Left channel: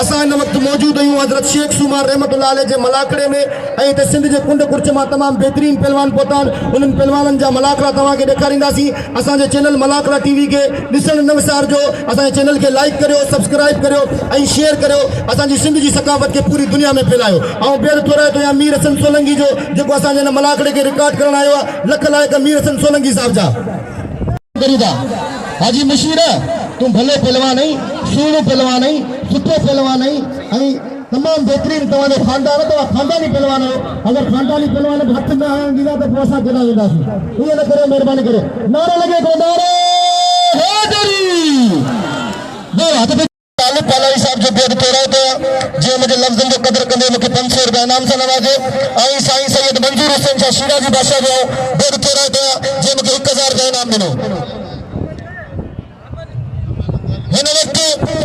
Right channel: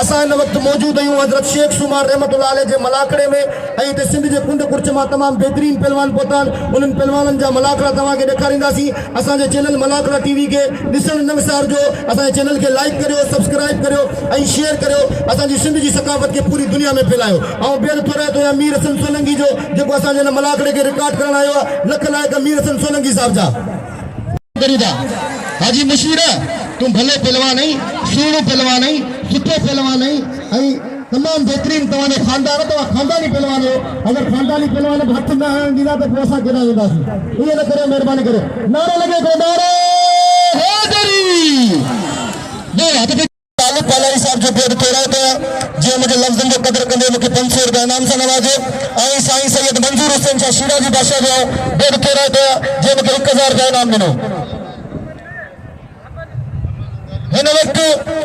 असां हिन वक़्तु मौजूद आहियूं हज़रत शेख सुमार रहमतुल्लाह अलैह जे मलाकड़े में ऐं हिते सिंध जे कुंड कुर्च मां तमामु बहितरीन पहलवान पहुता आहिनि उन्हनि पहलवाननि जा मलाकड़ा तव्हांखे ॾेखारींदासीं असांजे चैनल मलाकड़ा टीवी खे ॾिसण न विसारजो असांजे चैनल खे लाइक करियो सब्सक्राइब करियो ऐं शेयर करियो असांजी सिंध जी सकाफ़त खे पूरी दुनिया में फैलायो ऐं ॿियर थो रहे थो या मीर हसन सोलंकी जो जेको असांजे हिन मलाकड़े खे रिकॉर्ड करण आयो आहे लख लाइक मीर हसन सोलंकी साहब जा हाजी मशहूर तुम भले पहलवान नहीं सुहिणो पहलवान नहीं सुठो पहलवान नहीं तमाम बेहतरीन तव्हांजो खानदान तव्हां खानदानी पहलवान हो अगर खानदानी पहलवान हथ न ॾींदा त पोइ असां केॾा वेंदासीं इहो न करे महिरबानी करे नारो लॻे थो नारो हैदरी तालिब पालारी साहब जो बेद तोड़ा था जे मुझे लफ्ज़न जो कदर कंदे मुझे 500 रुपया इनाम से नवाजो आई साईं सैयद मंजूर हुसैन शाह शिराजी बादशाह जो बेद तोड़ा था जे मुझे 1000 रुपया इनाम ॾिनो हिन वक़्तु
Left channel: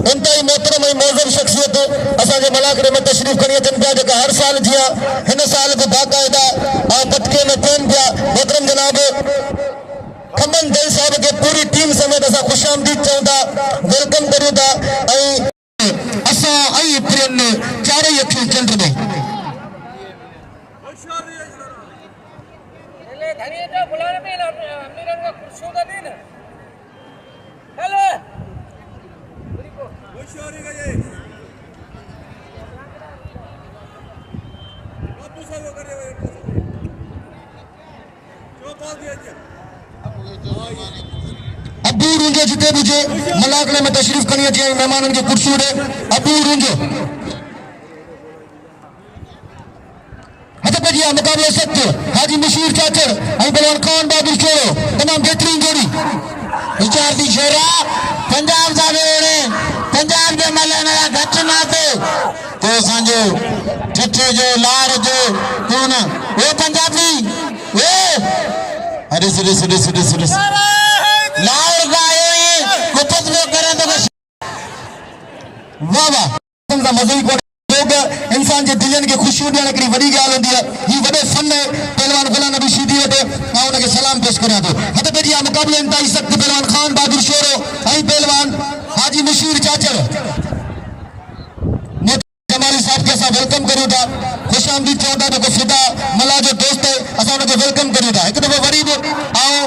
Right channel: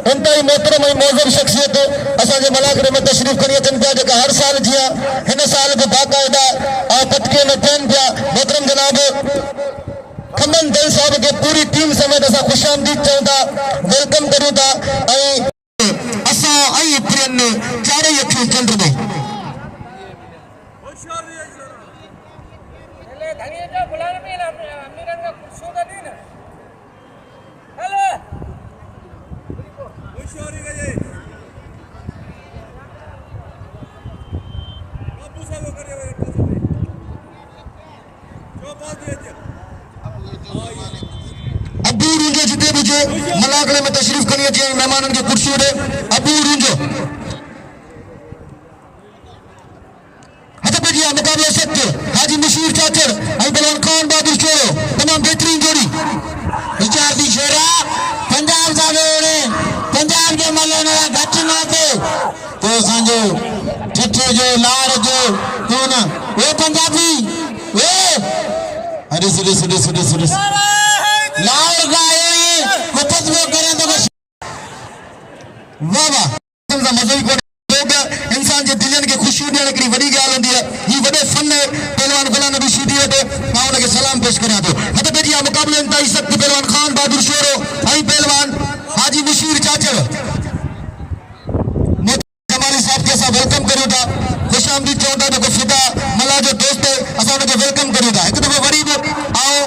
इंतहाई मोहतरम ऐं मौज़ूम शख्सियत असांजे मलाकड़े में तशरीफ़ खणी अचनि पिया जेका हर साल जीअं हिन साल बि बाक़ाइदा पटके में थियनि पिया मोहतरम जनाब खमन दल साहब के पूरी टीम समेत असां खुशामदीद चऊं था वेलकम करूं था ऐं असां ऐं प्रियनि चारई अखियूं चंड में अबू रूंजो जिते भी जे मलाकड़े में तशरीफ खणी अचे मेहमानन के कुर्सी दे अबू रूंजो हथ पे जिया मुकाबले सत्य हाजी मशहूर चाचर आई पहलवान खान बहादुर छोरो तमाम बेहतरीन जोड़ी विचार दी शेरा पंजाब जावे ओने पंजाब के मलने घट ना तो सांजो ठठे जो लार जो कौन ओ पंजाबी ओ अरे सुरे लाल गाए कुपत में करें तो बस वाह वाह समझा मज़े को लोग इंसान जे दिलन के खुशी ॾियण हिकिड़ी वॾी ॻाल्हि हूंदी आहे ही वॾो फन आहे पहलवान गुलाम नबी सीधी वटि मां उनखे सलाम पेश करियां थो हथ पे जी मुक़ाबले इंतहाई सख़्त पहलवान खान बहादुर शेरो ऐं पहलवान हाजी मशहूर चाचर जमाली साहब के असां वेलकम करूं था खुशामदीद चऊं था जेको फिदा मला जो दोस्त है असां उनखे वेलकम करूं था हिकु दफ़ो वरी बि आओ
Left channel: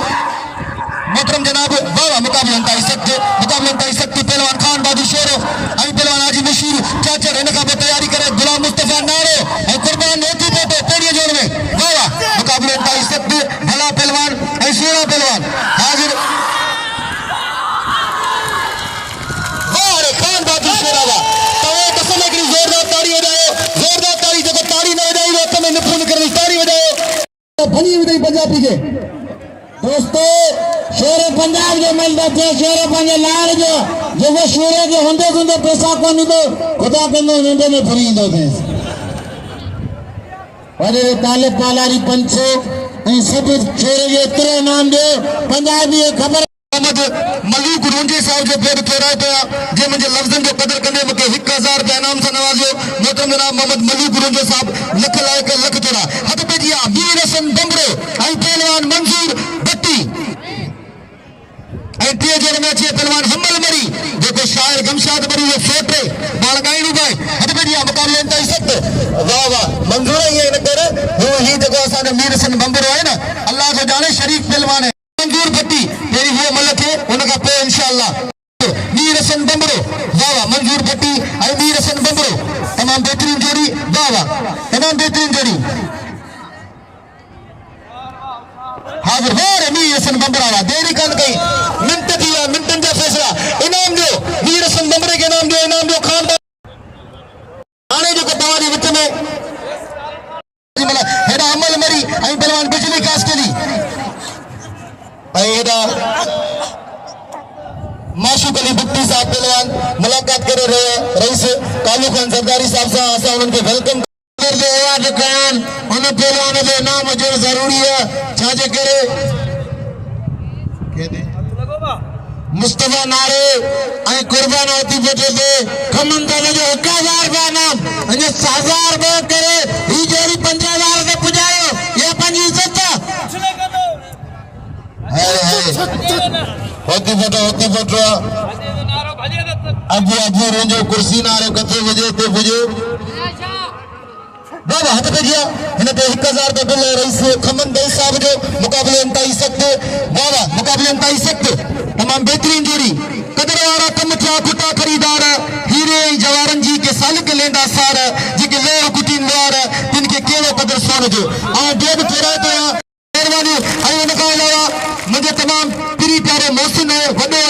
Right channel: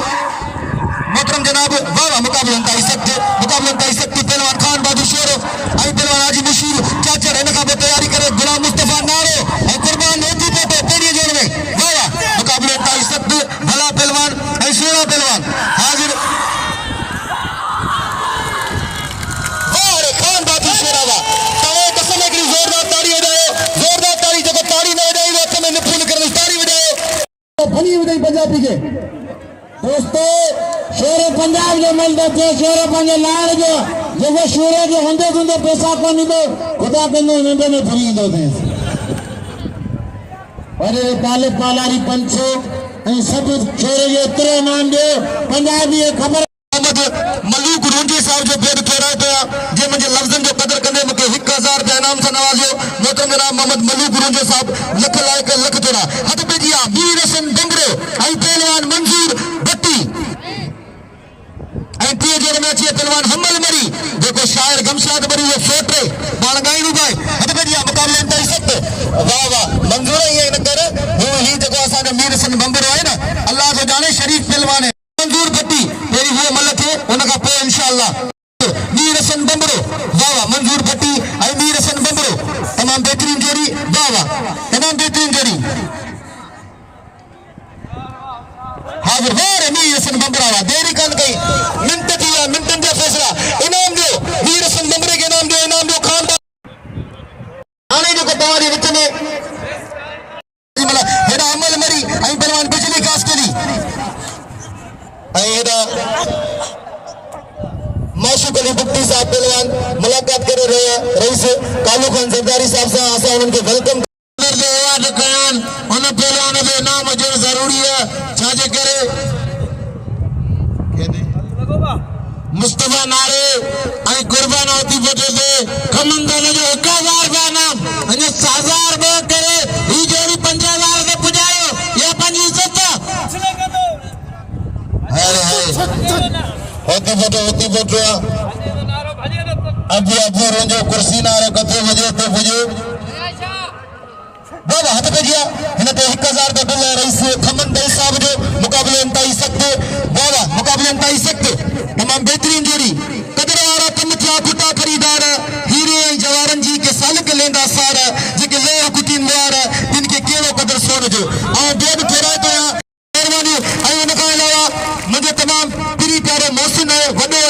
मोहतरम जनाब वाह मुकाबले इंतहाई सख़्त पहलवान खान बहादुर शेरो ऐं पहलवान हाजी मशहूर चाचर हिन खां पोइ तयारी करे गुलाम मुस्तफ़ा नारो ऐं कुर्बान होती पोटे पेड़ीअ जोड़ में वाह मुकाबले इंतहाई सख़्त भला पहलवान ऐं सुहिणो पहलवान हाज़िर वाह रे खान बहादुर शेरो वाह तव्हां कसम हिकिड़ी ज़ोरदार ताड़ी वॼायो ज़ोरदार ताड़ी जेको ताड़ी न वॼाई वो कम निफर न करे ताड़ी वॼायो भली वॼाई पंजाबी खे दोस्तों शेर पंजाब जो मिलंदो थे शेर पंहिंजे लाल जो जेको शेर जे हूंदे पैसा कोन ईंदो ख़ुदा कंदो नंढे में फरी ईंदो अथसि वॾे तालिब पालारी 500 ऐं सभु शेर जो एतिरो इनाम ॾियो पंजाबी ख़बर मलूक रूंजी साहब जो बेद तोड़ाए पिया जे मुंहिंजे लफ़्ज़नि जो कदर कंदे मूंखे 1000 रुपया इनाम सां नवाज़ियो मोहतरम जनाब मोहम्मद मलूक रूंजो साहब लख लाइक लख तोड़ा हथ पे जी मीर हसन डंगरो ऐं पहलवान मंजूर भट्टी ऐं टे जोड़ में अचे पहलवान हमल मरी जेको शायर गमशाद मरी जो फोटे बाल गाइणू गाए हथ पे जी मुकाबले इंतहाई सख़्त वाह वाह मंजूर ईअं न कर ही जेको असांजो मीर हसन डंगरो आहे न अल्लाह खे ॼाणे शरीफ़ पहलवान आहे मंजूर भट्टी पहिरीं हीअ मल थे उन खां पोइ इंशाअल्लाह मीर हसन डंगरो वाह वाह मंजूर भट्टी ऐं मीर हसन डंगरो तमामु बेहतरीन जोड़ी वाह वाह तमामु बेहतरीन जोड़ी हाज़िर वाह मीर हसन डंगरा वाह देरी कोन कई मिंट थी विया मिंटनि जा फ़ैसिला इनाम ॾियो मीर हसन डंगरे खे इनाम ॾियो खान हाणे जेको तव्हांजे विच में हेॾा अमल मरी ऐं पहलवान बिजली कास्टली ऐं हेॾा माशूक अली भुट्टी साहब पहलवान मुलाकात करे रईस कालू खान सरदारी साहब सां असां उन्हनि खे वेलकम उन पहलवान जो इनाम हुजणु ज़रूरी आहे छाजे करे मुस्तफा नारे ऐं कुर्बान होती बोटे पे खमन दल जो 1000 रुपया इनाम अने 1000 रुपया करे ही जोड़ी 5000 के पुजायो ये पंजी इज्जत होती बोटो अबू अबू रोंजो कुर्सी ना रे कथे वजे ते बुझो बाबा हथ पे जिया हिनते 1000 का बिल रईस खमन भाई साहब जो मुकाबले अंताई सकते बाबा मुकाबले अंताई सकते तमाम बेहतरीन जोड़ी कदर वाला कम था पिता खरीदार हीरे जवारन जी के सालिक लेंदा सार जी के ले कुटी मार जिनके केले कदर सोन जो आ देव थोड़ा तो मेहरबानी आई निकाल मुझे तमाम प्री प्यारे मौसम है वडे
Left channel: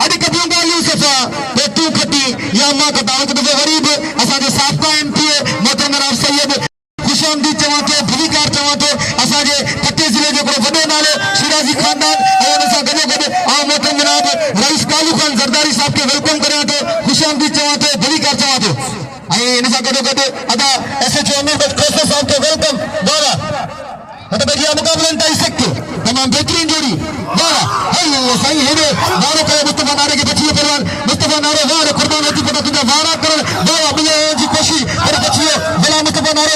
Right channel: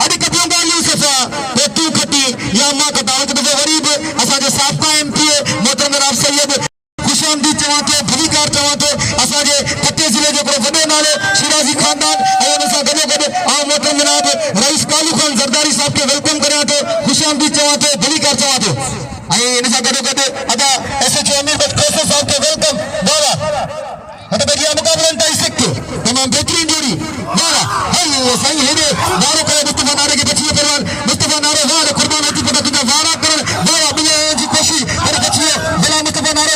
अरे कभी गाली सफा तो तू खटी या मां का दावत दे गरीब असा जो साबका एमपी मोहतरम जनाब सैयद खुशामदी चवाते भलीकार चवाते असा जे पट्टे जिले जो वडे नाले शिराजी खानदान और असा गने गने आ मोहतरम जनाब रईस कालू खान जरदारी साहब के वेलकम करे तो खुशामदी चवाते भलीकार चवाते आई इनसा गने गने अदा एसएचओ में खोसा साहब के वेलकम बाबा हट बजिया मुकाबला अंताई सकते तमाम बेहतरीन जोड़ी बाबा हे सही है नारे को मुस्तफा नारे के बचिए पहलवान मुस्तफा नारे वारे कुर्बान होती पता तुझे वारा कर बाबा बिले जी कोशिश करे बचिए बिला मुस्तफा नारे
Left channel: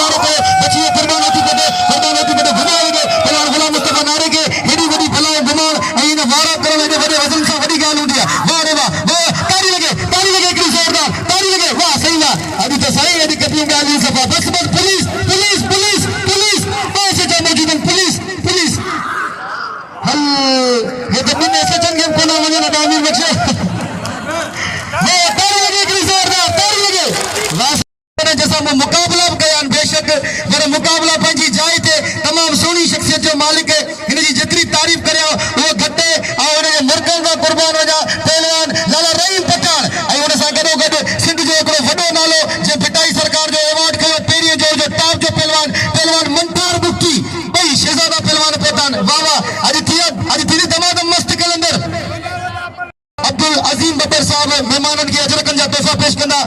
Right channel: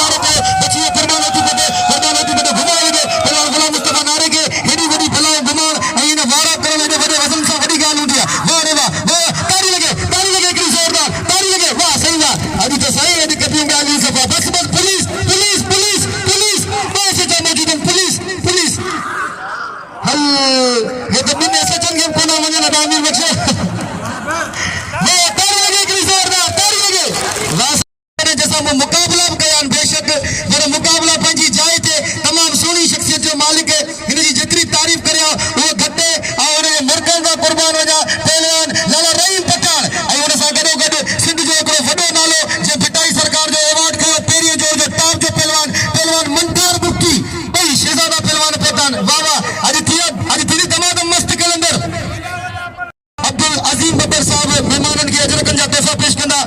वारे को बचिए कुर्बान होती पता घुमाए दे पहलवान बिला मुस्तफा नारे के हेडी बड़ी पहलवान घुमार आईने वारा करने दे बड़े वजन से बड़ी गाल उठिया वाह ताली लगे कि जोरदार ताली लगे वाह सही वाह अभी तो सही है कभी गाल नहीं सफा बस पुलिस पुलिस पुलिस पुलिस कैसे जाने की पुलिस हल ये तो मैंने ऐसे चल गए कोना में ना दामिर बच्चे ये ताली लगे कि जोरदार ताली लगे लास्ट जैसा में मुकाबला बयान बेशक मेरा मुकाबला पंजी जाए थे तमाम सोनी शख्सियत जो मालिक है इनकी जितनी तारीफ करे वो घटे और मरकज का कुर्बान हो जा पहलवान लाला रहीम पठान आई उन सा गडो गड सिंध जो एकड़ो वडो नालो जे पिटाई सरकार जो अवार्ड कयो पेरियो जो टॉप जो पहलवान मंतार बुक्की भाई शहजादा पहलवान पठान वाह आज तीन दमादम मस्त कलंदर अब्दुल अजीम बब्बर साहब मेहमानन की अजरकन जा तोहफा पेश कंदा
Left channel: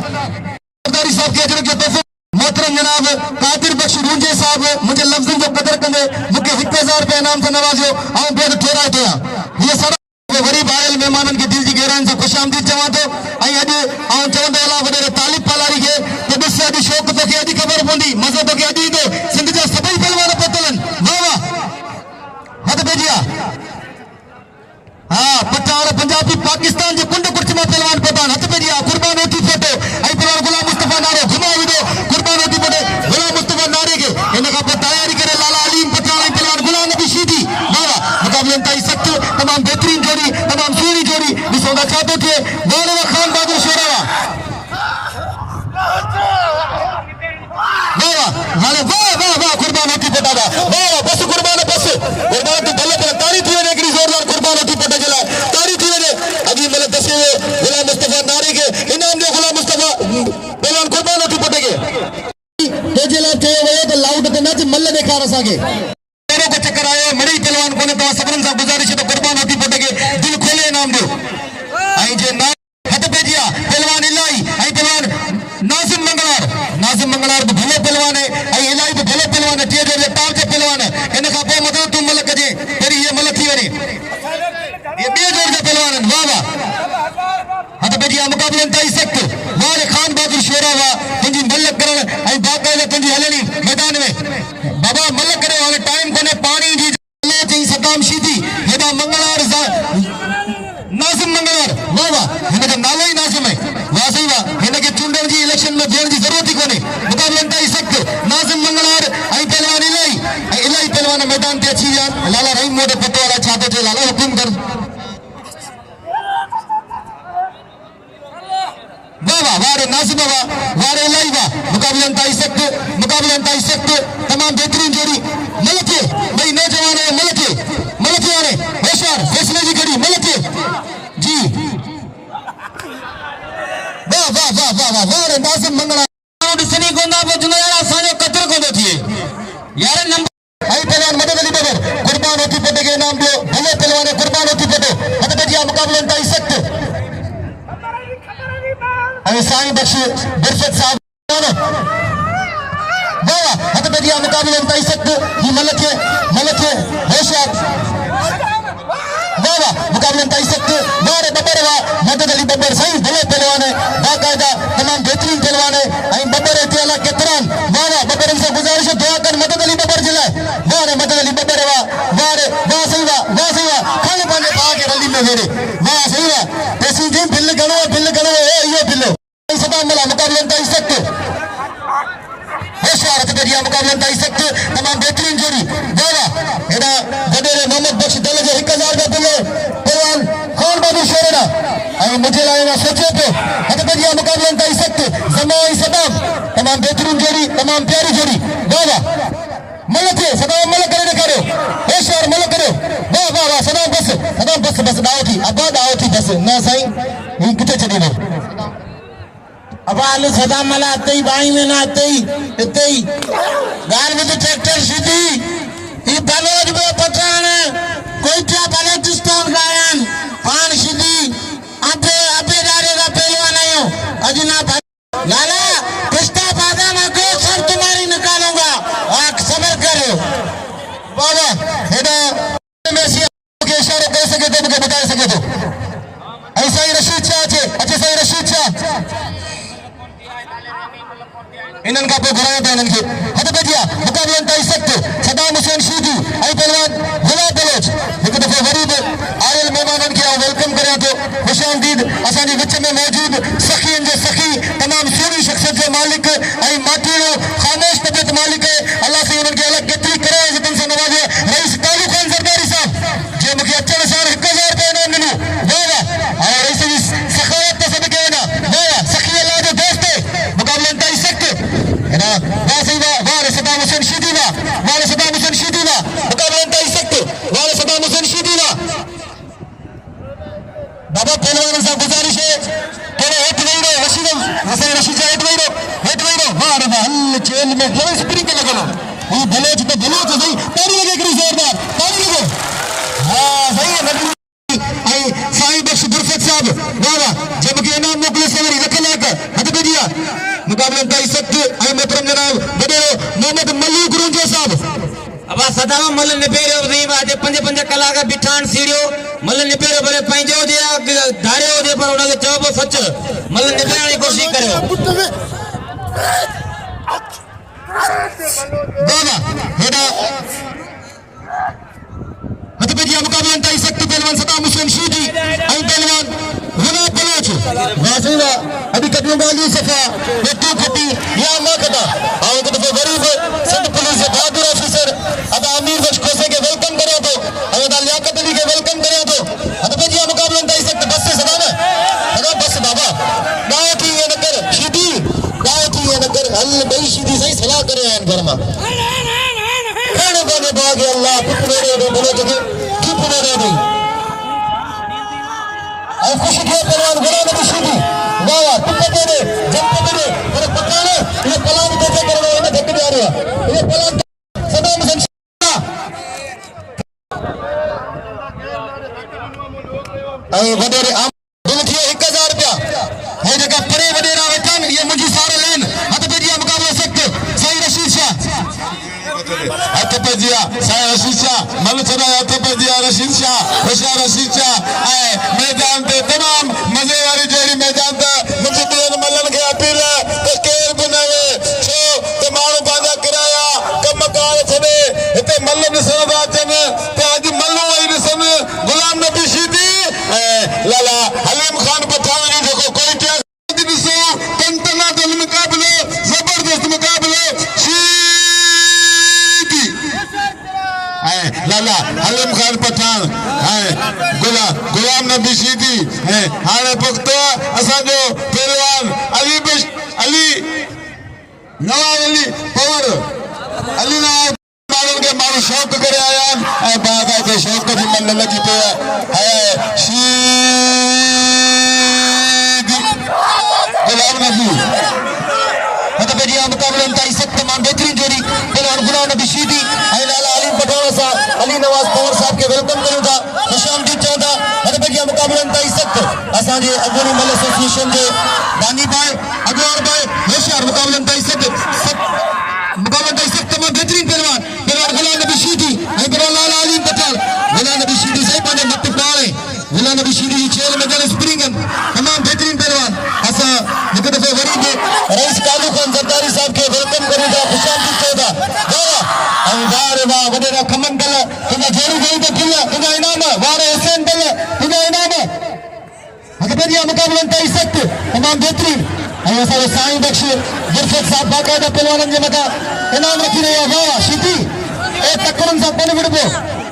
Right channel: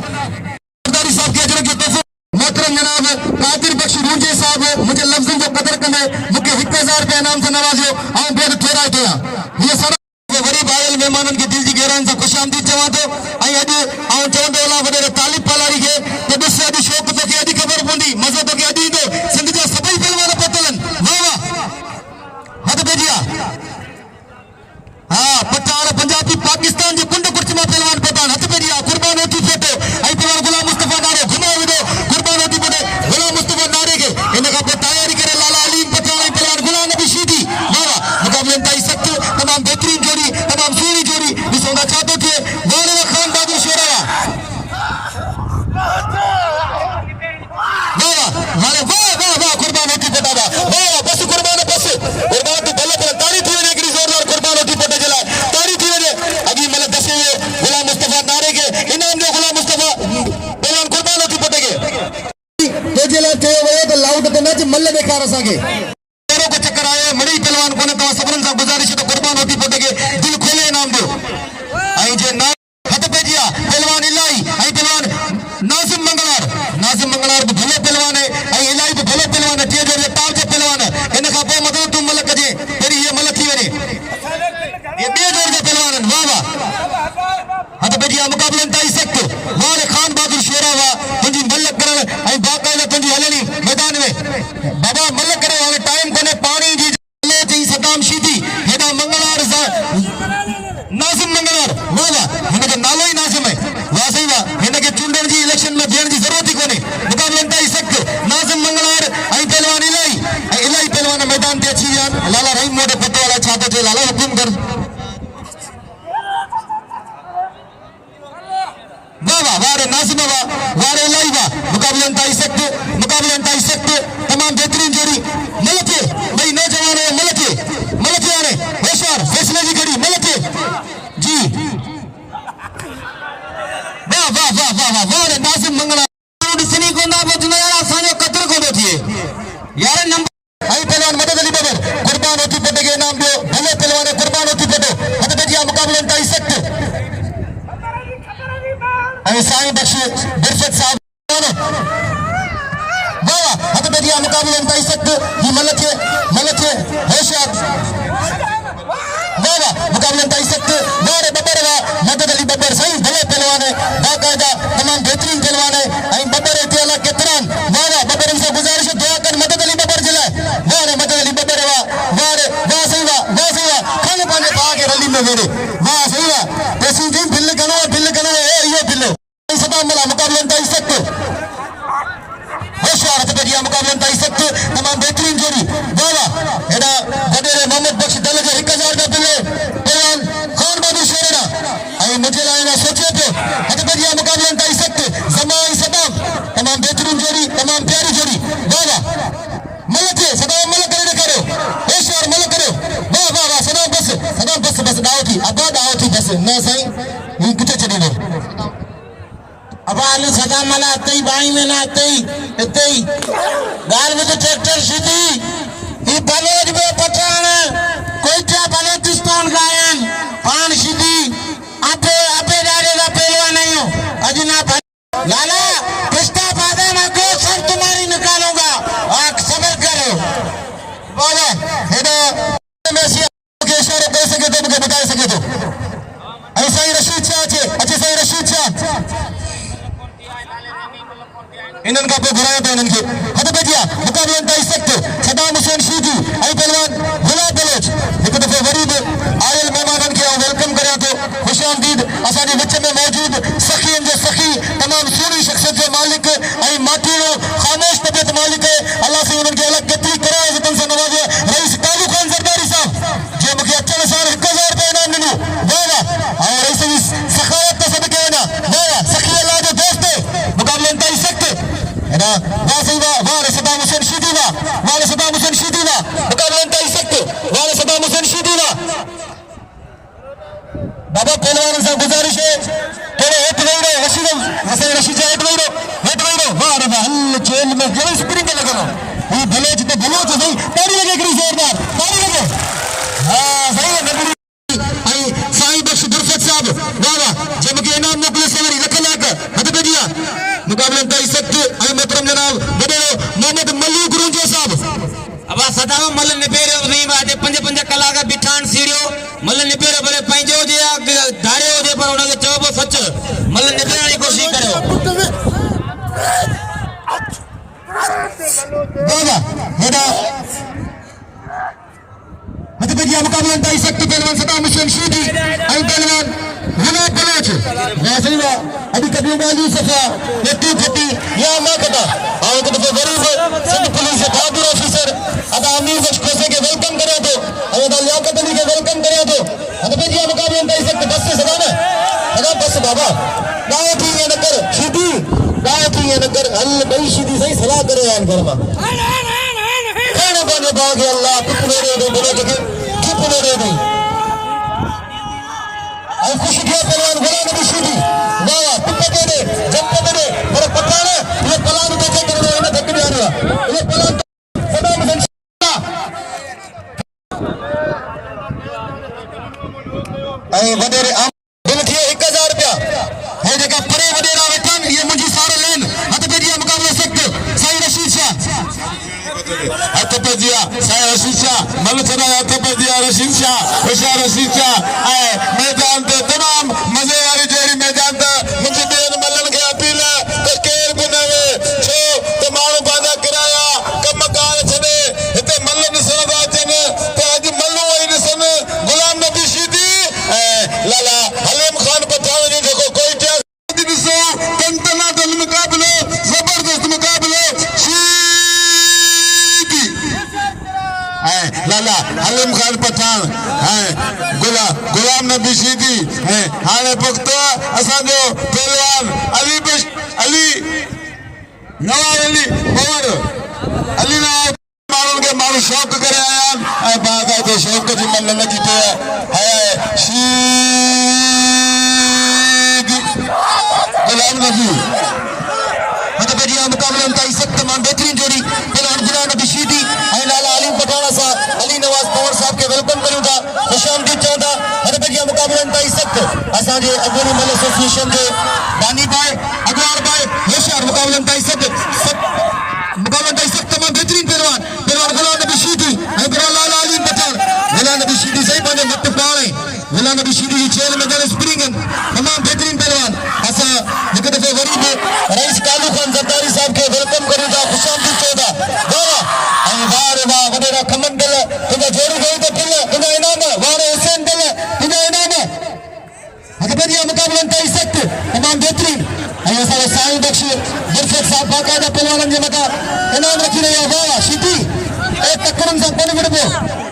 सरदारी साहब की अजरक जो तोहफा मोहतरम जनाब कादिर बख्श मुंजे साहब मुझे लफ्ज़न जो कदर कंदे मुके 1000 रुपया इनाम से नवाजो आऊं बेद केरा दिया ये सर गरीब आयल मेहमानन की दिल जी गहरान से खुशामदीद चवा दो आई अज आऊं चवंदो अला वडे तालिब पलारी के तो बस अज शौक तो के अदी खबर पोंदी मज़ो तो के अदी दे सिंध जो सभई पहलवान पतलन वाह हद बेजिया हां पठान पंजाबी पाकिस्तान जो कुंड कुर्चमा पहलवान पठान हद बेजिया कुर्बान होती फोटो आई पहलवान गुलाम मुस्तफा नारे घुमाई दे कुर्बान होती फोटो गुलाम मुस्तफा नारे के इनका तैयारी करे लाला अलीम पठान पहलवान गुलाम नबी शीदी वाह मुकाबले अंताई सकते तमाम बेहतरीन जोड़ी तमाम सोनी जोड़ी दिसोड़ा चाहते थे वाला खान बाबू शेरा वाह कुर्बान होती फोटो वाह बस कुर्बान की भले पर तारी थी ने कि जोरदार कुर्बान होती फोटो जला तारी थी ने अभी मतलब दसे हुए गुलाम मुस्तफा नारे के इनाम जो गुलाम मुस्तफा पहलवान कुर्बान होती फोटो के तो जला थे वो लाउड ते मैच मल्ल देखा रसा के चारों को चक्कर आया मड़ी पहलवान कोने तो सबरन साहब गुजारिश है तो कुर्बान होती फोटो के दिल खोले इनाम दो आई जे ना हट पे जिया पहलवान इलाई आई पहलवान नाजिम मंगलार तो भले पहलवान है आई इलाई तो भले पहलवान है टे जो टाप जो पहलवान है इन का पो मतलब तुम मलक जे तेरी ये मलक थी वनी ये बे जोर जो पहलवान है वाह हट पे जिया मुकाबले अंताई सकते वाले खान बहादुर शेरा वाह तुझी मलक करन आई बाकायदा तुझी हलनी मैदान में बाबा मलक करे वाले टाइम कोने पानी जी ले जी सदाम शीदी हेदा मंगलार नाजिम मंगलार वाह हिनजो नालो ही नाजिम है वाह सही वाह हिनके चूंडण जी इलेक्शन में भेण जी जरूरत ही कोने मुकाबले अंताई सकते नाजिम मंगलार आई पहलवान इलाई पहलवान मैदान पे अच्छी यार लाला रहीम मोटे पत्ते वाला छाते थे लाला हुकुम कर वाह वारे नाजिम वारे इलाई वाह मुकाबले अंताई सकते तमाम बेहतरीन जोड़ी मलके भाई नौजवान है मलके वाले होशियार फैसले की घड़ी मलके जी वाह रे नाजिम मंगला सुनी गोंदा बजना यार सारे कतर को देखिए यार नंबर आई पहलवान मदद अली बदर कुर्बान होती पटे के नाम दो भले पहलवान कुर्बान होती पटे हद बजिया मुकाबले अंताई सकते आई साईं बख्श बिरसत साहब हद बजिया मुकाबले अंताई सकते ये मलके होशियार मुकाबले अंताई सकते वारे बबर वाह मदद अली बबर साईं भले पहलवान है बाकायदा तमाम बेहतरीन पहलवान है आई बबर इतियाला के तरन वाह बबर से गुजारिश है दुआ कर मदद अली बबर जिला वाह मदद अली बबर वाह सही वाह खाने पाने के जल्दी में मेरे वाह सही है तहसील दिन मुकाबले इंतहाई सख्त होशियार हथकड़िया मुकाबले इंतहाई सख्त तमाम बेहतरीन जोड़ी वाह हेडा गडेरे मोहम्मद बख्श दल के 1000 का दिले पहलवान खान बाबू शेरना और मुझे लाएगा सोचे तो हथकड़िया मुकाबले इंतहाई सख्त जमाई सदाम तमाम बेहतरीन जोड़ी तमाम प्यारी जोड़ी वाह मलक है सदाम मलक करे करो होशियार मलक करो वाह वाह वाह सदाम बस दाव थी अब दाव थी बस ना साईं ये किथे चली ने अब आलू सदाम मला अतई बाई में ना अतई गाल में तो ट्रैक्टर सीधी ये बलोच में पठान कोई क्या बलोचिस्तान गायन पान सीधी अबे दारे दा पहलवान नहीं हो अजना लाला पिस्ता बादा ना को सब तुम्हारी निकालूंगा आंख सबर करो बाबा हेडा में से के इशारे कर सके तो मुझे बता सके तो ऐसा ही रशीद शाह छे अच्छे सही रशीद शाह इनन का पे घुराया था इनन के हद बजिया मुकाबले इंतहाई सख्त सदाम हुसैन शीदी आई पहलवान गुलाब बलोच एक दफे गरीब आयल मेहमानन के वेलकम करा तो खुशामदीद असानी विच में मौजूद सखीन जे सखी तमाम सोनी शख्सियत जे मालिक आई माटीनो खामोश तबियत मालिक है अल्लाह से उनन के अलग केतरी करे जतन से नवाजे रईस कालू खान जरदारी साहब जे मुके अचन सार 1000 रुपए इनाम मिलो वाह और रईस सखावत तो सब कहना वाह सखी अल्लाह जो दोस्त मुकाबले इंतहाई सख्त है ना वाह सदाम हुसैन शीदी ना मुकाबले इंतहाई सख्त वाह सदाम हुसैन शीदी ना बाबा पहलवान साहब गुजारिश है थोड़ा हेठ नहीं रहे रशीद हसन रशीद हेठ नहीं रहे वाह रे वाह जेल में जरूर स्प्रिंग लगा लो ये बलोच तो सही ताली लगे करी जोरदार ताली लगे हां सही है आई साईं बख्श दुर्फत साहब वाह जब के इनाम मोकले सवरी लखलाक हद बजिया मुकाबले इंतहाई सख्त आई मोहतरम जनाब बड़े मोहम्मद मलिक रुंजे साहब अब सदाम मल्ल निपेरो वी वाजे 5 कलाक बिठान सीरियो मल्ल निपेरो बरे पंजो दिया धारे हो दे पर उना के चौब सच मल्ल निपेरो की कोशिश करो दादा हेडा हतबजिया मुकाबले इंतहाई सख्त पहलवान सदाम हुसैन शीदी आई पहलवान गुलाब बलोच वासीला अभी कदम बाली सफा पेटी फटी या ना कटा आओ तो गरीब सिंध पुलिस से बहादुर ऑफिसर अब अमीर बख्श खोसे के वेलकम करे तो अदा लियाकत अली के वेलकम करे तो हतबजिया मुकाबले इंतहाई सख्त बस से सदा में अरे बस बाबा गाय थी ये नगर शीदी गाय थी ये नगर अल्लाह बई शीदी सही सलाह करे यान घर में खाने बने बाग अल्लाह तुम मेरे दे बोले कि चुप मेरे दे और खुश के पहलवान गुलाम नबी शीदी वाह तुम दे जब दे पर पकाना ये पलान कैसे करने इन्हें धक्के आ रहा ये पलान सदाम हुसैन ऐ वडेरे आम दिल के 1000 रुपया है जगह परे वडेरा वतन ये मुझी सारे लेन हद बजिया मुकाबले सख्त सही रशीद शाह हतपजिया साईं रशीद शाह मल चना हतपजिया रशीद शाह होशियार रशीद शाह आए मैदान ते तमाम मजे वाली जोड़ी मैदान ते मुझे बेन मलन के अपील तो केर बनावे छो ते मानो बाजा कराया कम कार छने इते मलन निशान राजन ते आज मल्लो इन समय गुलाम नबी शीदी लाला हलीम खान पठान जो कोई क्या दिसो तंतना दल मुकाबले जबरदस्त मुकाबले लाला हलीम खान पठान गुलाम नबी शीदी हाणे पुख्ता असांजो पहलवान अली नवाब अली पवर अली नवाब माण्हुनि खे माण्हू शौक़ करे आया आहिनि ऐं बाक़ाइदे शौक़ जी मन लॻी पई आहे गुलाम नबी हतबजिया मुकाबले इंतहाई सख्त तमाम बेहतरीन जोड़ी पहलवान गुलाम नबी शीदी ऐं लाला हलीम पठान सां अली नवाज पवर साहब के वेलकम करूं था खुशामदीद चऊं था हतबजिया मुकाबले इंतहाई सख्त असांजे अगूनी मल एसोसिएशन जे बानी भाई अगवार भाई होशियार मुकाबले इंतहाई सख्त तमाम बेहतरीन पहलवान गुलाम नबी शीदी ऐं लाला हलीम पठान गुलाम नबी शीदी सही पंहिंजे मत पाणे गुलाम नबी शीदी जी चेल में गल स्प्रिंगन तमाम बेहतरीन पहलवान असां हिकु दफ़े वरी बि रईस कालू खान जरदारी साहब के वेलकम करूं था खुशामदीद चऊं था वाह वडेरा खमन दिल तुंहिंजा जोड़ी गई त दिल तुंहिंजा इनाम वाह हुसैन दिल तुंहिंजा इनाम हतबजिया मुकाबले इंतहाई सख्त तमाम बेहतरीन ऐं असांजो साईं बख्श गुरशद साहब बाक़ाइदा पहलवाननि जे मथां इनाम रखी रहिया। वाह शीटी ए तकड़नि सां कोन विढ़बो।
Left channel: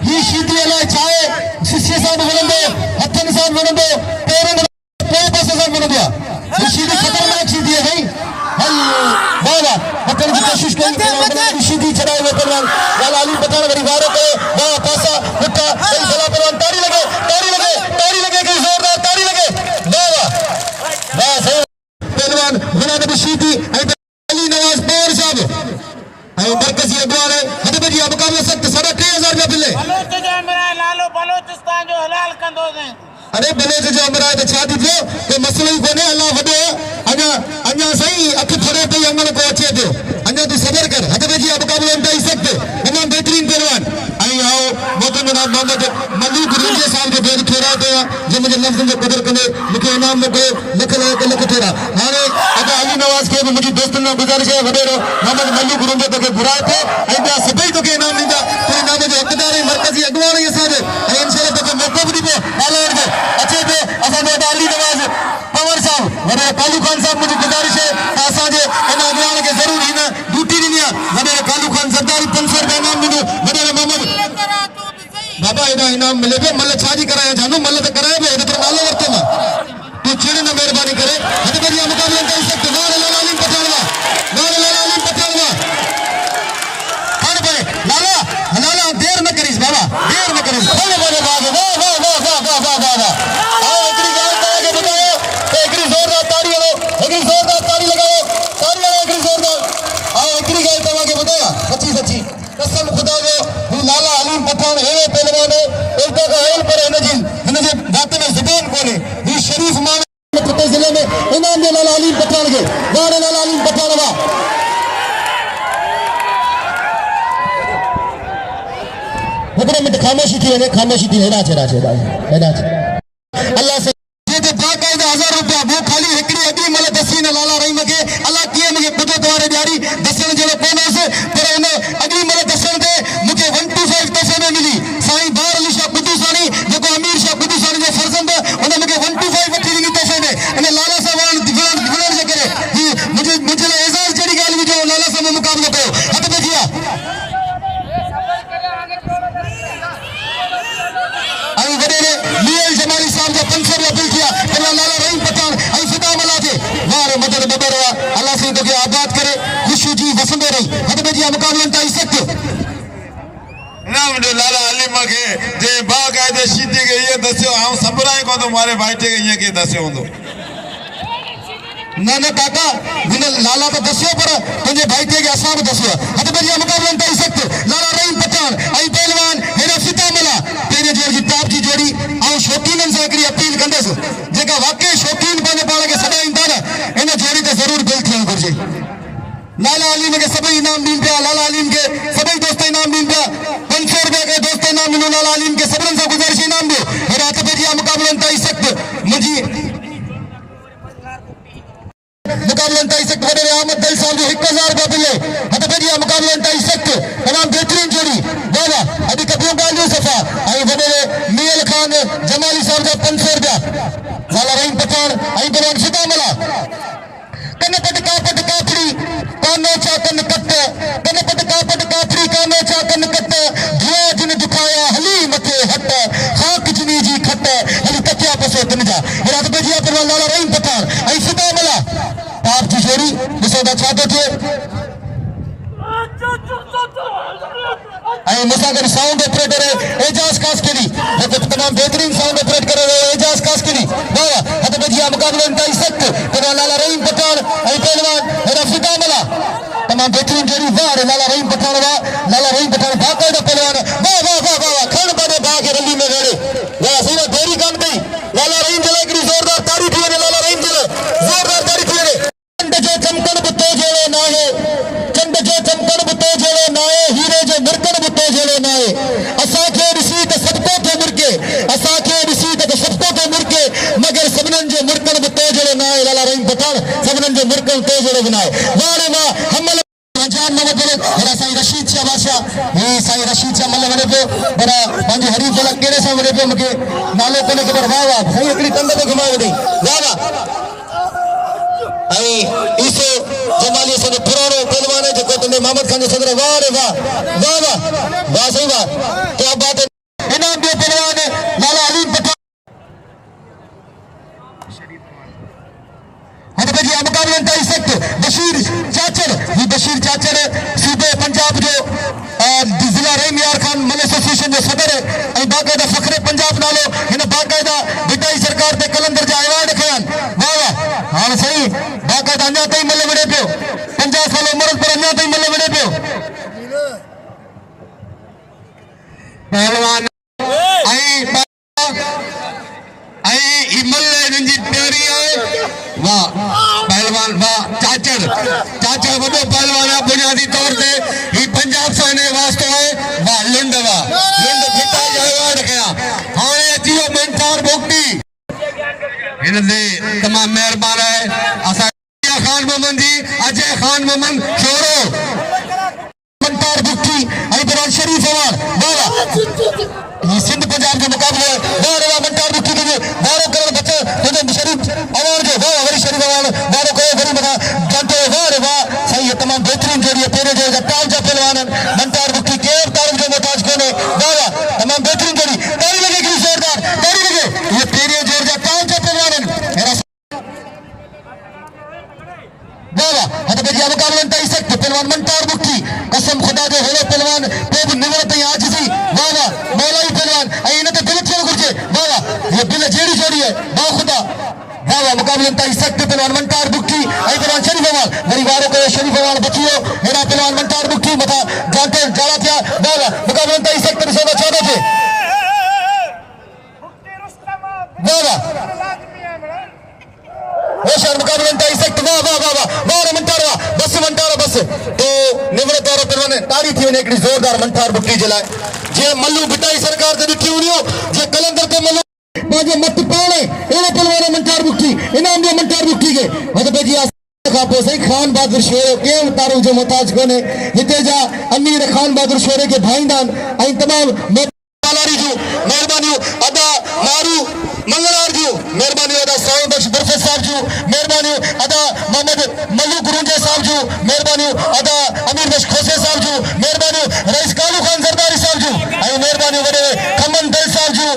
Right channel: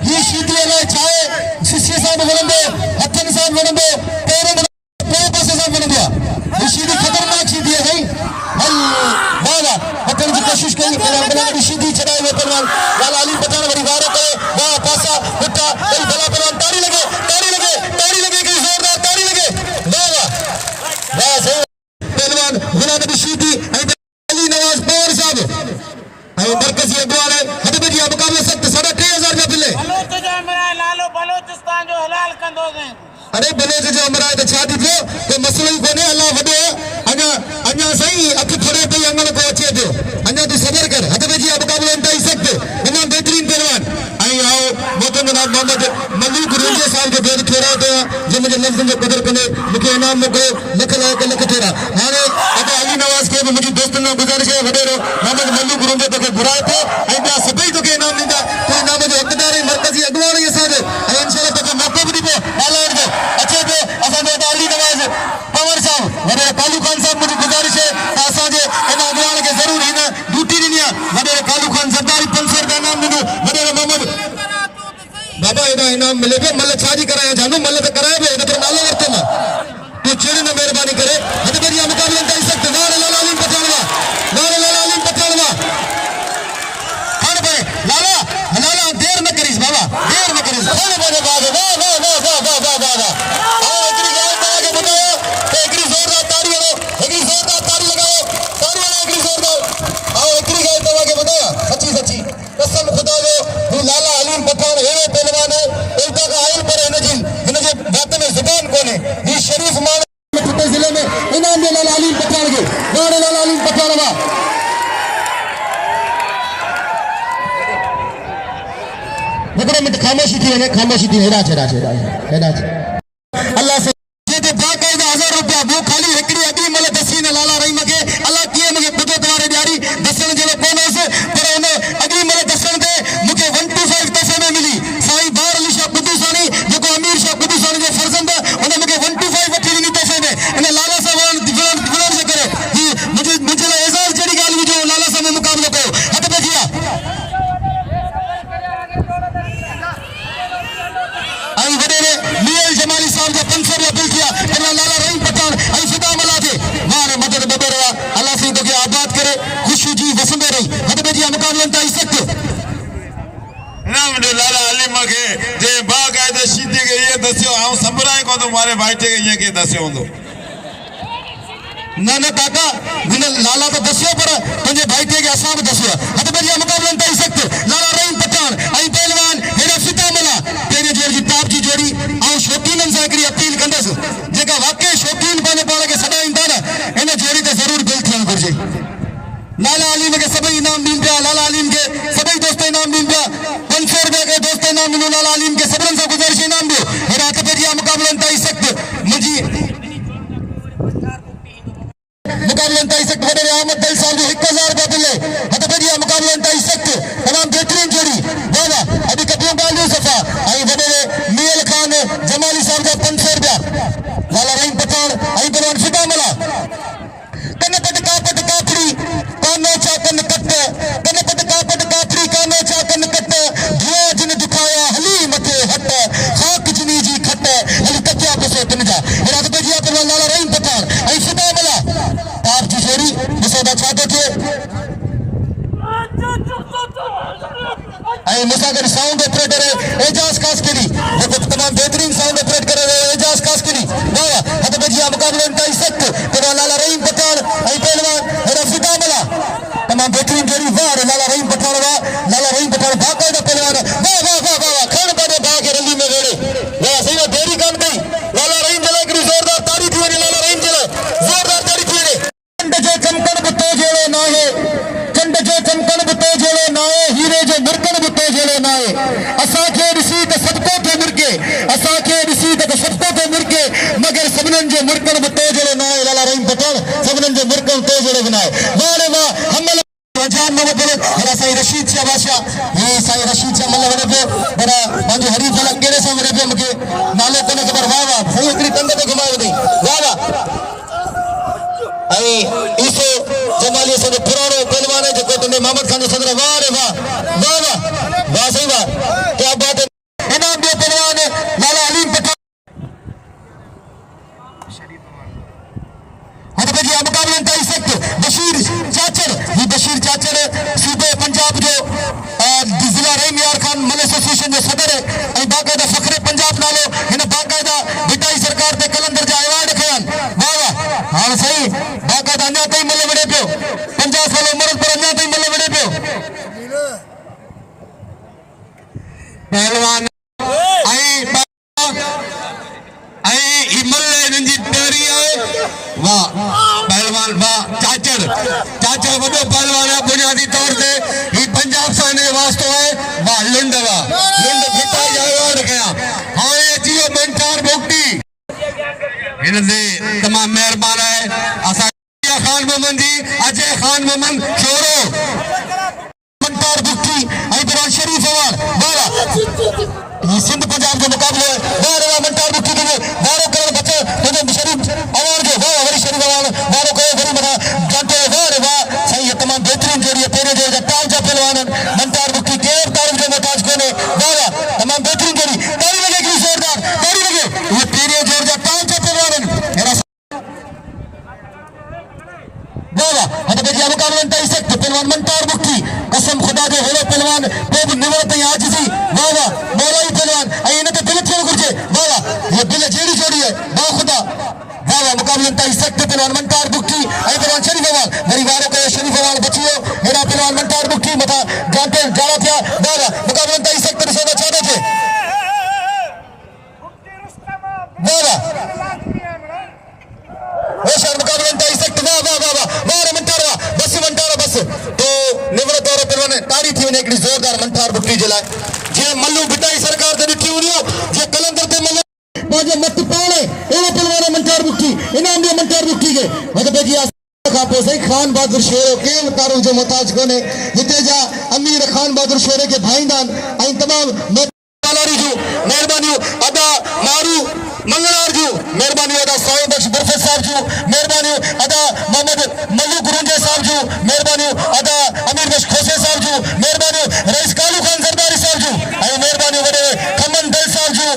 ही शीटी अलाए छा आहे, शिष्य सां बि विढ़ंदो, हथनि सां बि विढ़ंदो, पेरनि टे पासे सां विढ़ंदो आहे। ही शीटी ख़तरनाक शीटी आहे भाई। हल वाह वाह पकड़ जी कोशिश कई पर शीटी छॾाए वियो पहलवान। लाला अली पठान वरी वारो कयो। वाह पासा पुठा ॿई भला पहलवान। ताड़ी लगे ताड़ी लगे ताड़ी लगे कोई ज़ोरदार ताड़ी लगे। वाह वाह वाह सही पहलवान जनाब शीटी ऐं अली नवाज पवार साहब ऐं मरकज़ी अॻवान हद बजी मुक़ाबला सख़्त 3000 रुपया मिले। बलोच जो अमराए नालो बलोचिस्तान जो हलाल कंदोसीं। अरे बलोच जो अमराए त छा थी थियो, कोई मसइलो ई कोन्हे। अल्लाह वॾो अञा अञा साईं अखि फड़े पई अमल को अचे पियो। अञा तूं सबर कर। हद बजी मुक़ाबला इंतहाई सख़्त तमामु बहितरीन पहलवान ऐं आओ मोहतरम जनाब मोहम्मद मलिक रेंजर साहब जो भेद थोरा कयो जे मुंहिंजे लफ़्ज़नि जो क़दर कंदे मूंखे इनाम मोकिलियो। लख लख थोरा। हाणे अदा अली नवाज़ खे बि मुंहिंजी दोस्तनि खां गुज़ारिश आहे वॾेरो मोहम्मद मलिक रेंजर तोखे घुराए थो ऐं ॿिया सभई तोखे इनाम ॾींदा। तुंहिंजे नाले जो इक़्तिदार ऐं मरकज़ी अॻवान ई असांजे ऐं इंशाअल्लाह तोखे मौक़ो बि ॾींदो ॻाल्हाइण जो। अचे पियो असांजो अदा अली नवाज़ पवार साहब वॾेरो कालू ख़ान साहब मुंहिंजी गुज़ारिश आहे त असांजे इन अॻवान खे ज़रूरु हिन ड्यूटी ॾिनी आहे। वॾेरो कालू ख़ान ज़रदारी 500 रुपया इनाम ॾिनो। वॾेरो मोहम्मद बाबा हेॾा इनाम मिले पियो। मल छा जी करायां जानू, मल त कराए पियो हिन नालो वरितो मां। तूं चिड़ न महिरबानी करे हिन बदिया मुक़ाबला करे सघे। नारे लाला अली पठानवा नारे लाला अली पठानवा खड़ पे लाला लाला देर न करीस बाबा देर न करीस। वाह वाह वाह वाह वाह वाह वाह वाह वाह वाह आओ एकरी ॻाल्हि तव्हांखे ॿुधायो त हिकिड़ी ज़ोरदार ताड़ी हलो, हिकिड़ी ज़ोरदार ताड़ी लॻायो, ताड़ी हलो हिकिड़ी ज़ोरदार। आओ हिकिड़ी ॻाल्हि तव्हांखे ॿुधायां सची सची कसम ख़ुदा जो ही लाला अली पठान अहिड़ो पहलवान इल्ता का आयल पर हिनजे बात में ज़ुबान कोन्हे। ही शरीफ़ माण्हू चिटे ज़िले में इनाम ॾियो लाला अली पठान खे। नारे लाला अली पठान वाह। हिकिड़ो मिंट ख़ामोशी थी वञे, ख़ामोशी थी हेॾा छॾा छॾा हेॾा अल्लाह से जेके बाक़ाइदा 1000 रुपया वो खाली हिकिड़ी अॻी महिल दसी न लाला रहीम खे अलाह कीअं मूंखे ॿुधो तवारे ॾियारी दसण जहिड़ो कोन हुयुसि पर हुन अॻी महिल दसण ते मूंखे 125 दसण में मिली। साईं बार अली शाह कुदूसानी जेको अमीर शाह कुदूसानी जो फर्ज़ंद हुन मूंखे 125 वठी ॾिनी दसण में। इन लाला सां विढ़ण जे करे ही मुंहिंजे लाइ एज़ाज़ जहिड़ी ॻाल्हि हुई जो लाला सां में मुक़ाबलो कयो। हथ बची आहे ऐं वॾेरे मीर जमाली साहब जो 500 रुपया बिल थिया। लाला रहीम पठान ऐं फिदा मला थे वारे मदद बदर हुआ। अल्लाह साईं तोखे आबाद करे ख़ुशी जी वसंदे रही। हद बजी मुक़ाबला इंतहाई सख़्त ना मुझे लाला अली मूंखे जे बाक़ाइदा शीटी खे इहो दसियो ऐं सबराए कोन थो मारे भाइटे खे ईअं कीअं दसियो हूंदो। न न काका हिन लाला तो दसियो पर तुंहिंजे भाइटे खे असां बि दसियो। हद बजी मुक़ाबला इंतहाई सख़्त लाला रहीम पठान ऐं पहलवान हेॾा फिदा मला पहिरें जोड़ जी टॉप जी जोड़ी ऐं शौक़ीननि सां हिकिड़ी अपील कंदुसि जेका वाक़ई शौक़ीन पंहिंजे पाण खे सॾाईंदा न इन जोड़ी ते ज़रूरु दिलि थियणु घुरिजे। लाला अली खे सभई इनाम ॾींदा पिया। लाला अली खे सभई दोस्त इनाम ॾींदा पिया। 500 रुपया के दोस्त इनाम ॾिनो। लाला अली खे सभिनीनि सां गुज़ारिश इनाम ॾियो। हेॾा हथ बजी मुक़ाबला इंतहाई सख़्त मुंहिंजी मुक़ाबला इंतहाई सख़्त वॾेरे अहमद दई साहब जो 1000 रुपया मिले। हथ बजी मुक़ाबला इंतहाई सख़्त तमामु बहितरीन जोड़ी वाह वाह अॼु कपियूं ॻाल्हियूं सफ़ा ऐं वॾेरे मीर खान जमाली साहब जा 500 रुपया। लाला रहीम पठान ऐं पहलवान फिदा मला कन पट कापड़ी कानो चा कन कट कन पट कापड़ी कानो चा कन कट धुआ जिन दुखाया हली मथे हट खाक जिनी जी खट हली कटिया पसो तिन जा। हेॾा त बजिया पहलवान लाला रहीम पठान ऐं फिदा मला आप जी जोड़ी ॾिसो था छा थो थिए। ऐं मूंसां गॾु साउंड ऑपरेटर एजाज़ कास्करी जेको तमामु बहितरीन साउंड ऑपरेट करे रहियो एजाज़ कास्करी। वाह हथ बजी मुक़ाबला इंतहाई सख़्त पहलवान लाला रहीम पठान ऐं पहलवान हेॾा फिदा मला तमामु बहितरीन जोड़ी। वाह लाला रहीम पठान वाह लाला रहीम पठान बाक़ाइदा पहलवान वाह वाह वाह वाह खण पंहिंजे भाउ खे रंगी में वेड़े वाह सही देरी कान कई। लाला रहीम जे लाइ हिकिड़ी ज़ोरदार ताड़ी थी वञे। लाला रहीम जे लाइ ज़ोरदार ताड़ी थी वञे। चंड जो चमकण बि तो जहिड़ो न आहे चंड जो चमकण बि तो जहिड़ो न आहे हीरे जो मुरकण बि तो जहिड़ो न आहे। असांखे ॾिसी त सभु थो मिरके असांखे ॾिसी त सभु थो मिरके मगर सभिनीनि जो मुरकण बि तो जहिड़ो न आहे। लाला रहीम पठान सभिनीनि जो मुरकण तो जहिड़ो बि न आहे। वाह रे वाह हमल जान न वधे हेॾा साईं रशीद शाह बादशाह हे साईं रशीद शाह मल वञे पियो पर पंहिंजे हरीफ लाइ कहिड़े सां वञे पियो मूंखे नालो कोन्हे ख़बर। वाह वाह साईं हिकिड़ी कंध ते घुमाए वञे वाह वाह ऐं ईसो जमाले से पुरानो पहलवान है जेको तुंहिंजे मोहम्मद खान जो सदर वाह रे वाह वाह वाह वाह सही वाह क्या बात है इनाम ॿियो पहलवान लाला अलीम पठान मुकाबले ताईं सख्त बशीर चाचर ही बशीर चाचर सूबे पंजाब जो जिला रेम यार खान मल एसोसिएशन जो सदर है ऐं बाक़ायदा फ़ख्रे पंजाब नालो हिन बाक़ायदा बिटाई सरकार ते कलंदर जा अवार्ड खयां वाह वाह हाणे सही बाक़ायदा अञा ताईं मल विढ़े पियो 50 साल उमिरि पर अञा ताईं मल विढ़े पियो पहलवान वाह पहलवान वाह चाचर चाचर वॾो पहलवान आहे बुनियादी तौर ते ही पंजाब सां हिन वास्तो आहे वाह लिंड वाह लिंड फिटाई जा अवार्ड कया हाणे अची वियो मंटार बोक्टी हिन ते तमामु महिरबान आहे असां खान मोहम्मद जी अजय खान मोहम्मद छोरो मंटार बोक्टी ऐं बिरान शरीफ अवार्ड वाह ये सिंध पंजाब जो मुकाबले वाह वाह मंटार बोक्टी के वारो करे बच्चे हिन शरीफ अवार्ड जो वाह वरी शरीफ अवार्ड वारो करे वरी बता जानते वाह वाह सही है तमाम बेहतरीन जोड़ी है तेरे जो ताल जा पहलवान मंटार बोक्टी के तारीफ जो मोहताज कोने वाह वाह तमाम बेहतरीन जोड़ी ताली लगे कि जोरदार ताली लगे ये तेरे जो ताल जा पहलवान वाह वाह हद बेजिया मुकाबले ताई सकते पहलवान मंटार बोक्टी कसम खुदा दे होले पहलवान पे भी निवत आज सी वाह वाह मौलाई पहलवान आई इन्हें तो दिल क्यों करके वाह वाह ये दिल जेड़ी जोड़ी है वाह खुदा वाह वाह मुकाबले ताई सकते पहलवान मंटार बोक्टी आई पहलवान शरीफ अवाल मेरी वारे को शरीफ अवाल बचियो मेरा पहलवान मंटार बोक्टी मता जानते जाला था वाह वाह मुकाबले ताई सकते सोना चाहते थे वाह वाह वो शहर मुकाबले ताई सकते वाह वाह वाह वाह वाह मंटार वाह बस मंटार बस तो निवृत्त और पहलवान तारीफ थी एक जोरदार मंटार बोक्टी जे लाइ जे मल्लू बिटाई सरकार ते ॾिठी हुई जे कलंदर ते मल्लू बाजे मत पाले एले पहलवान मंटार बोक्टी इनाम दिया मंटार बोक्टी के हद बेजी खापो सही खान बहादुर शेरो के तारो जो मोहताज कोने हिते जा अमीर खान बहादुर शेरे के भाईंदान ऐं तमाम मेहरबानी अदा मारू मंगलार जी मेहरबानी अदा साईं बख्श बरफत साहब जी मेहरबानी अदा मोहम्मद मल्लू गुरुंजा साहब जी मेहरबानी अदा अमीर बख्श खोसे साहब जी मेहरबानी रईस कालू खान जरदारी साहब जी ऐं मेहरबानी वडे खमन दल साहब जी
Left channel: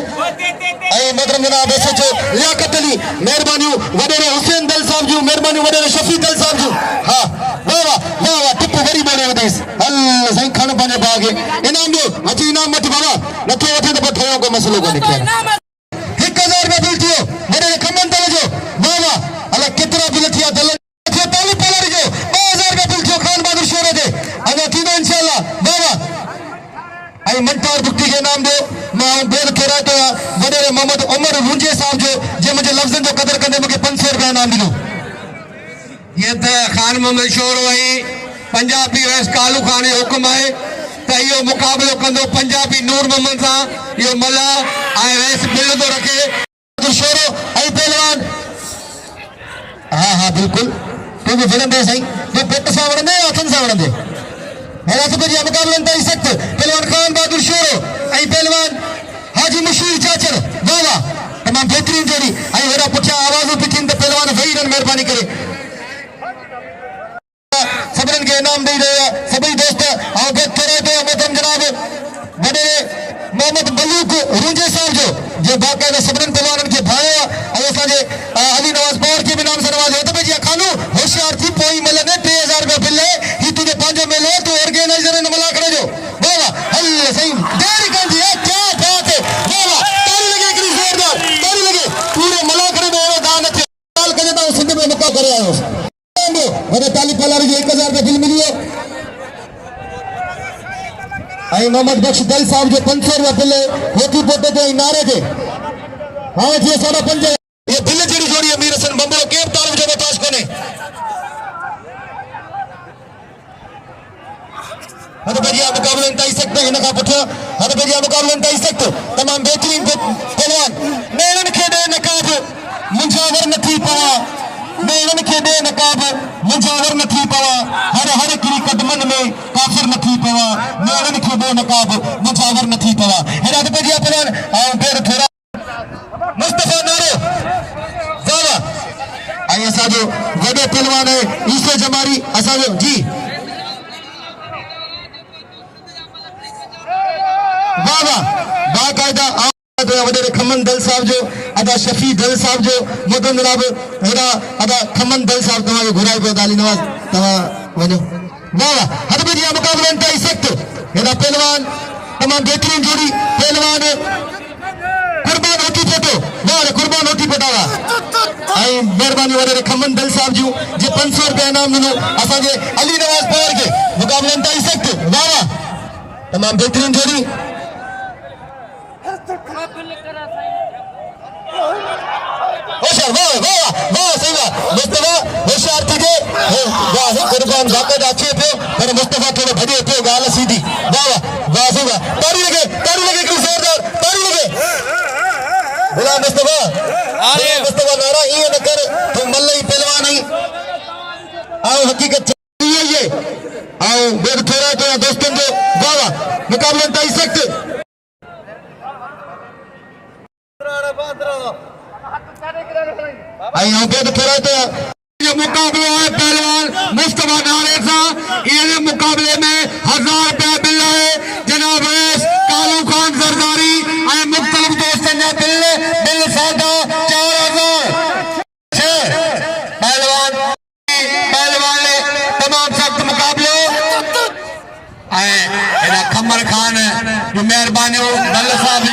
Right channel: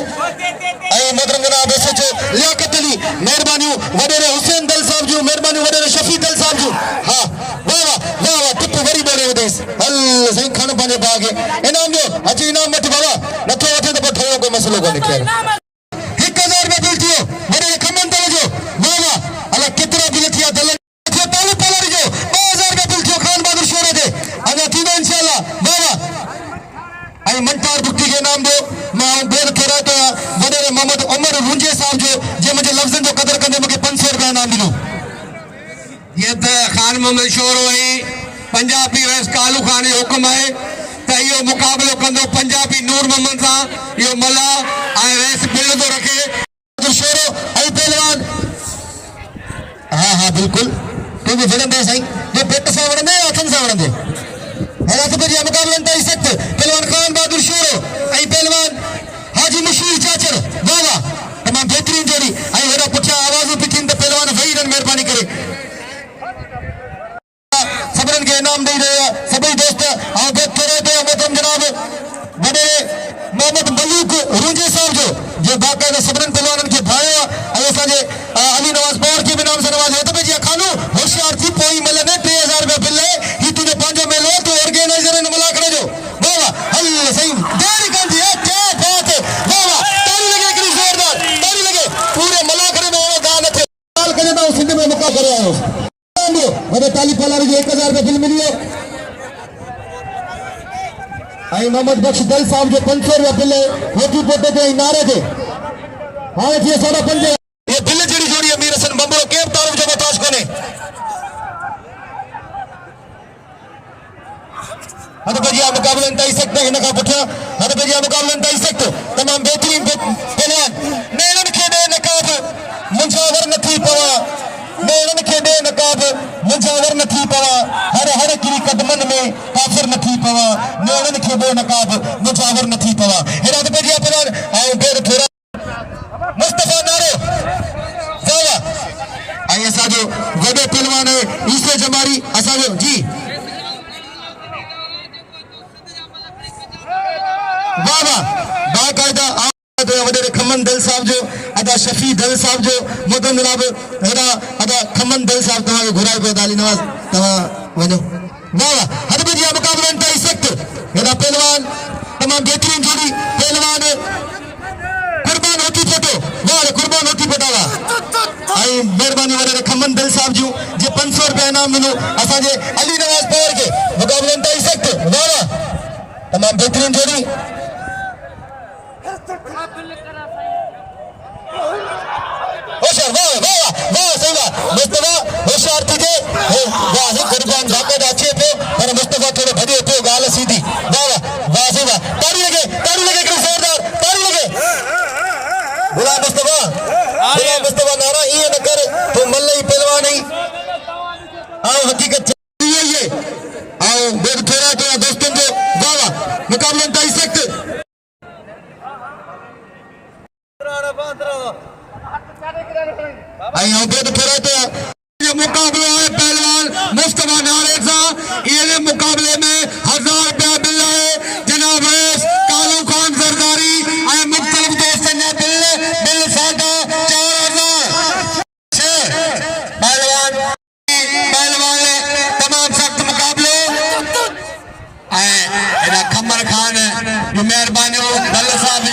ऐं मोहतरम जनाब एसएचओ लियाकत अली मेहरबानी वडे हुसैन दल साहब जी मेहरबानी वडे शफी दल साहब जी हां वाह वाह वाह टिप वरी बोले वदाइस हल साईं खान बने बागे इनाम दो अची इनाम मत बाबा नथो वठे तो ठाणो को मसलो कोने खे 1000 में बिल थियो मेरे खमन दल जो वाह वाह अले कितना बिल थिया दल थियो ताली पलर जो 2000 में बिल थियो खान बहादुर शेरे दे अने थी इंशाल्लाह वाह वाह आई मंटार बोक्टी के नाम दो मैं बेर केरा तो वडे मोहम्मद उमर मुंजे साहब जो जे मुझे लफ्जन जो कदर करने मुझे 500 रुपया नाम दिलो ये तो खान मोहम्मद शोरो है पंजाबी रस कालू खान हुक्म है तो यो मुकाबलो कंदो पंजाबी नूर मोहम्मद सा यो मला आई रेस बिल तो रखे तो शोरो आई पहलवान हां हां बिल्कुल तुम फिल्म दे सही ये पेट सा वणंदे अथन सा वणंदे हेरा तो जी मुकाबले ताई सकते पहलवान खान बहादुर शोरो आई पहलवान हाजी मशीर चाचर वाह वाह तमाम बेहतरीन जोड़ी आई हेरा पुछा आवाज पिटिन तो पहलवान वही रन मेहरबानी करे सबरन के इनाम दे रहे सभी दोस्त आओ बेत करे तो मोहतरम जनाब बड़े मोहम्मद मलिक रुंजे साहब जो बाकायदा सबरन पहलवान के भाई और असांजे अली नवाज पवार के भी नाम से नवाज तो भैया खानो होशियार थी पोई मिलने 3000 रुपया बिल है ही तुझे पंजो मेलो तो ऑर्गेनाइजर ने मला करे जो वाह हल सही देरी कर दिया क्या बात है वाह ताली लगे कि जोरदार ताली लगे पूरे मला करे में गान थे साल के ना सिंध में मौका करे आयो वडे ताली पलार जो 1000 रुपया बिल मिली है आई मोहम्मद बख्श दल साहब जो 500 रुपया बिल है होती पोते ते नारे थे हां थी 5.5 ये बिल जड़ी जोड़ी अमीर हसन बंबरो केम तारीफ जो मोहताज कोने हद बेजिया मुकाबले ताई सकते इनका पुठिया हद बेजिया मुकाबले ताई सकते तमाम बेहतरीन पहलवान नेरन खेडे नकाब मुंजावर नथी पवा नेरन खेडे नकाब मुंजावर नथी पवा हर हर की कदमन में काफिर नथी पवा नेरन खेडे नकाब मुंजावर नथी पवा हेरा हद बेजिया पहलवान आओ देर थोड़ा मुस्तफा नारो वाह आई ऐसा जो वॾो पहलवान है ईसो जमारी असांजो जी वाह वाह बाक़ायदा वॾे खमन दल साहब जो अदा शफी दल साहब जो मदन जनाब हेड़ा अदा खमन दल साहब तव्हांखे घुराए पियो दाली नवाज़ तव्हां वञो वाह वाह हर बजिया मुक़ाबला इंतहाई सख़्त हेड़ा पहलवान तमामु बेहतरीन जोड़ी पहलवान कुर्बान होती पटो वाह कुर्बान होती पटावा ऐं महिरबानी वारे खमन दल साहब जूं जे 500 रुपया इनाम ॾिनो असांजे अली नवाज़ पवार खे मुक़ाबला इंतहाई सख़्त वाह वाह तमामु बेहतरीन जोड़ी होशियार वाह वाह वाह सही वाह मुस्तफा होशियार थी जे वाह कुर्बान जाके अचे पियो पर मुस्तफा थोड़ो भॼे पियो ॻाल्हि सीधी वाह वाह वाह सही वाह ताड़ी लगे हिकिड़ी ज़ोरदार ताड़ी लगे बुला मुस्तफा नारा ईअं न कर तूं मल ई पहलवान आई ऐं हक़ीक़त इहा ई आहे ऐं ॿियो थोरा तो दोस्तनि जो वाह वाह मुक़ाबलो इंतहाई सख़्त ये मुकाबला है पहलवान मुस्तफा नारे सां ये मुकाबले में 1000 रुपया बिल है जनाब कालू खान सरदारी ऐं मुख्तलिफ दोस्तन जा बिल सादा 4000 पहलवान ने तमाम सख्त मुकाबले एना खमर खान मेहरबानी दल साहब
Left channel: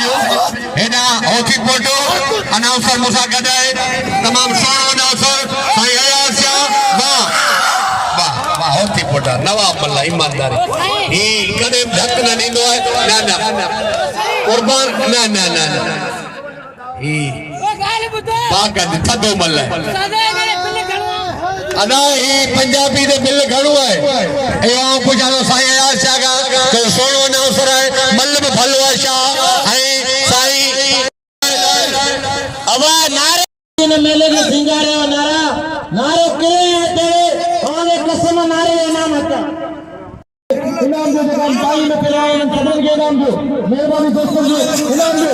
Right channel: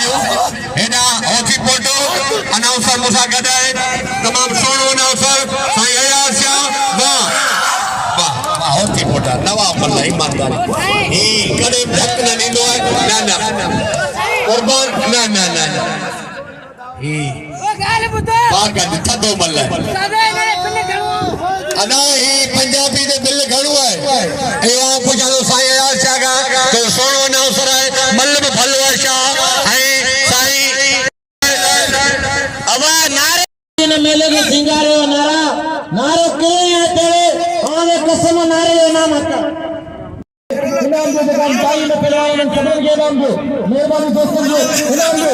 एना हॉकी पोटो अनाउंसर मुसा गदाए तमाम सोनो अनाउंसर साईं अयाज शाह वाह वाह वाह हॉकी पोटा नवाब मल्ला ईमानदारी ही कदे धक न नींदो है ना कुर्बान ना ही बाका थदो मल्ला अना ही पंजाबी दे बिल घणो है एवा पुछो साईं अयाज शाह का तो सोनो अनाउंसर है मल्लब भलो है शाह है साईं अब नारे मेले में सिंगारे नारे किले तेरे और कसम नारे इनाम आता इनाम दो दुकान भाई में पिलवाओ सबन के इनाम दो मेहरबानी दोस्तों जो इनाम दो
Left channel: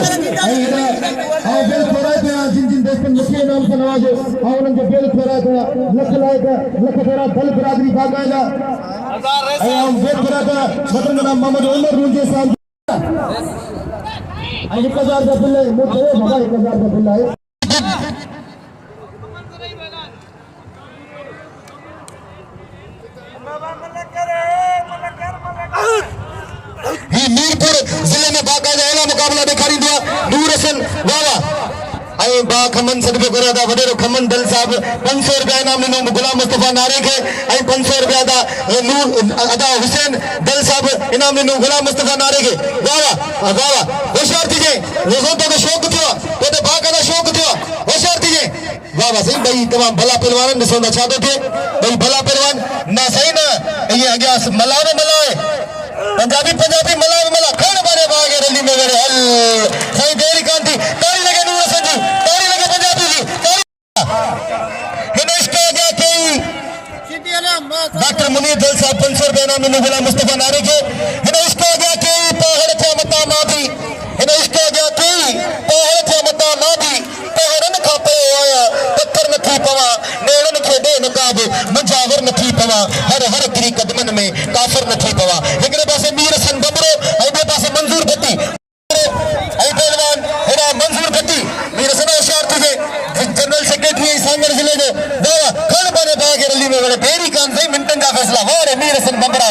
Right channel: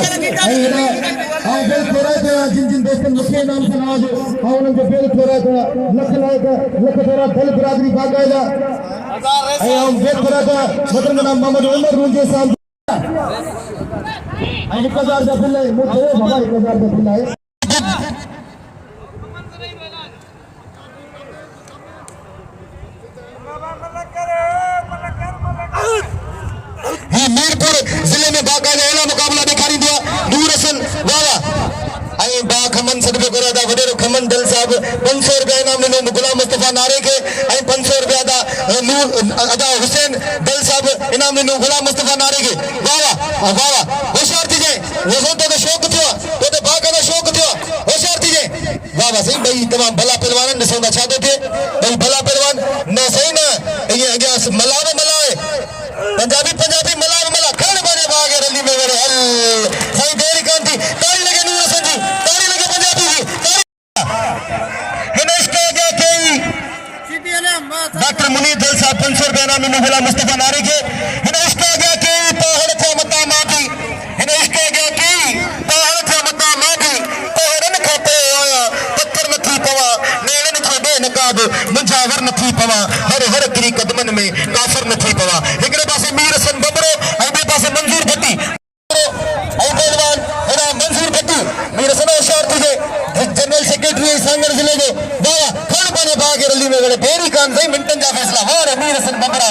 और बिल थोड़ा जो जिन दोस्तों मुझे इनाम से नवाजो और उनको बिल थोड़ा जो लख थोड़ा दल बरादरी बाकायदा और बिल थोड़ा जो मतलब जनाब मोहम्मद उमर रूजे साहब 1000 का बिल है मुझे बाबा 1000 का बिल है मीरपुर जिले में बाकायदा एला मुकाबला दिखाई दिया दूर हसन वाह ऐं बा खमन सदके करा था वडेरो खमन दल साहब 500 रुपया इनाम ॾिनो गुलाम मुस्तफा नारे खे ऐं 500 रुपया नूर अदा हुसैन दल साहब इनाम ॾिनो गुलाम मुस्तफा नारे खे वाह वाह होशियार थीजे वज़ो तो शौक़ थियो तो बाकायदा शौक़ थियो होशियार थीजे वाह वाह सही भाई तमाम भला पहलवान ॾिसो था छा थो थिए भाई भला पहलवान न सही न ईअं अॻियां मलाए पंजाबी मला कौन बारे भागे रली में मेरे हल कोई देरी कान थी ताली लगे नूर हसन जी ताली लगे पंजाबी जी हिन इसके आगे कई डॉक्टर मुनीर दिल साहब 500 रुपया इनाम ॾिनो गुलाम मुस्तफा नारे खे हिन इसके आगे कई पहाड़ थे मता मादी हिन इसके आगे कई पहाड़ थे मता मादी पहाड़न खां पोइ आया पत्थर नथी पवा नेड़न खे बे नकाब मंझावर नथी पवा हर तिरी कदमन में काफर नथी पवा हिकिड़े पासे मीर हसन बबरो ऐं ॿिए पासे मंजूर भट्टी ऐं पहलवान हेड़ा मंजूर भट्टी मीर हसन होशियार थीजे जनरल सेक्रेटरी सांगर जिले जो वाह खण पाने भाउ खे रली में वड़े पहिरीं कान सही मिंटनि जा फ़ैसिला वाह मीर हसन बबरा